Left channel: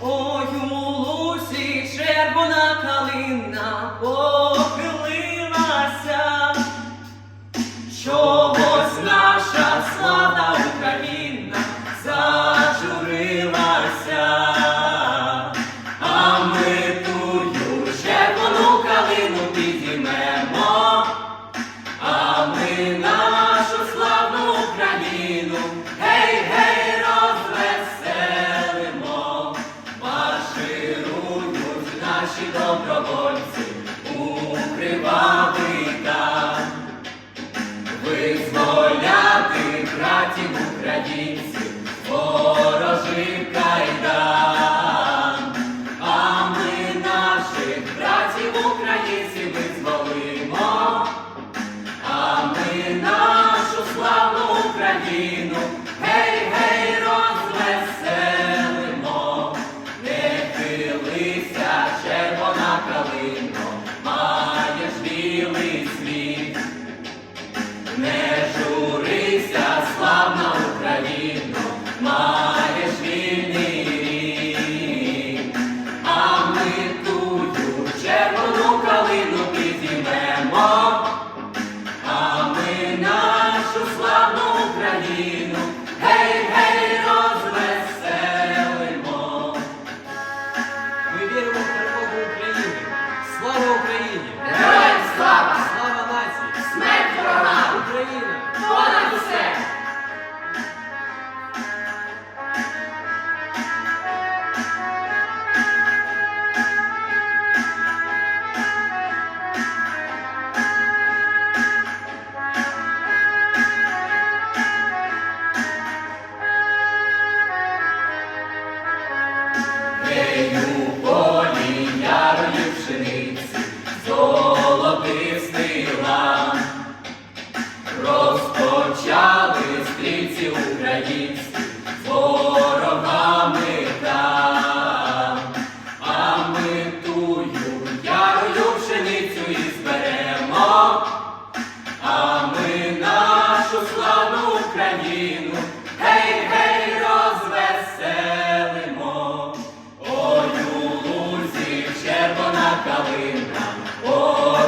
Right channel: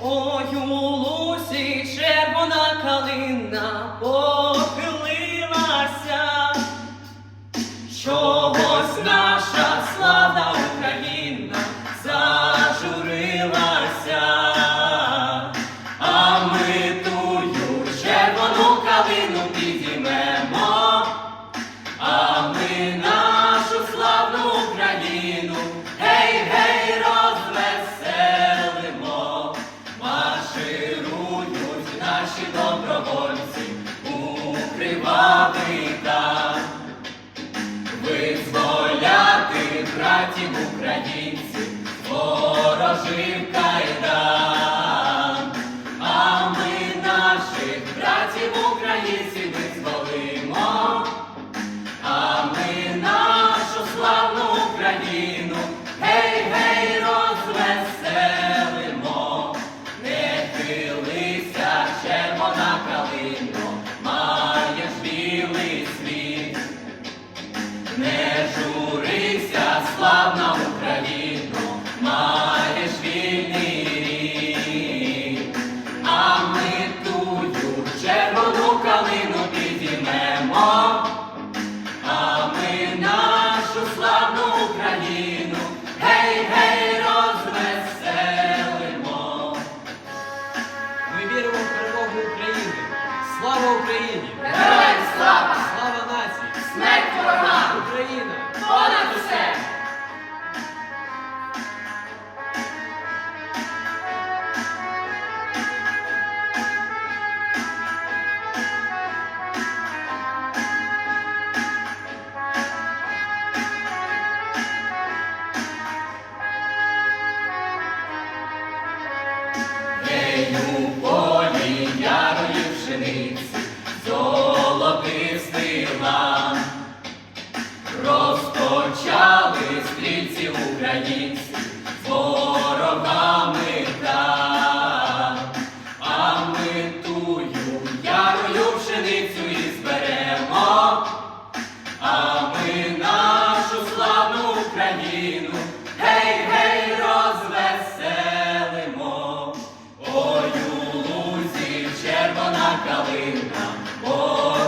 Ой, у лусі червона калина похилилася, чогось наша славна Україна наші добровольці укривали там, Визволяти братів українців, ворожив кайдан. А ми тую червону калину підіймемо, а ми нашу славну Україну, гей, гей, розвеселимо. Ми віримо в перемогу України. Слава Україні! Героям слава! Нею полі ярої пшениці, зорі Галина похилилася.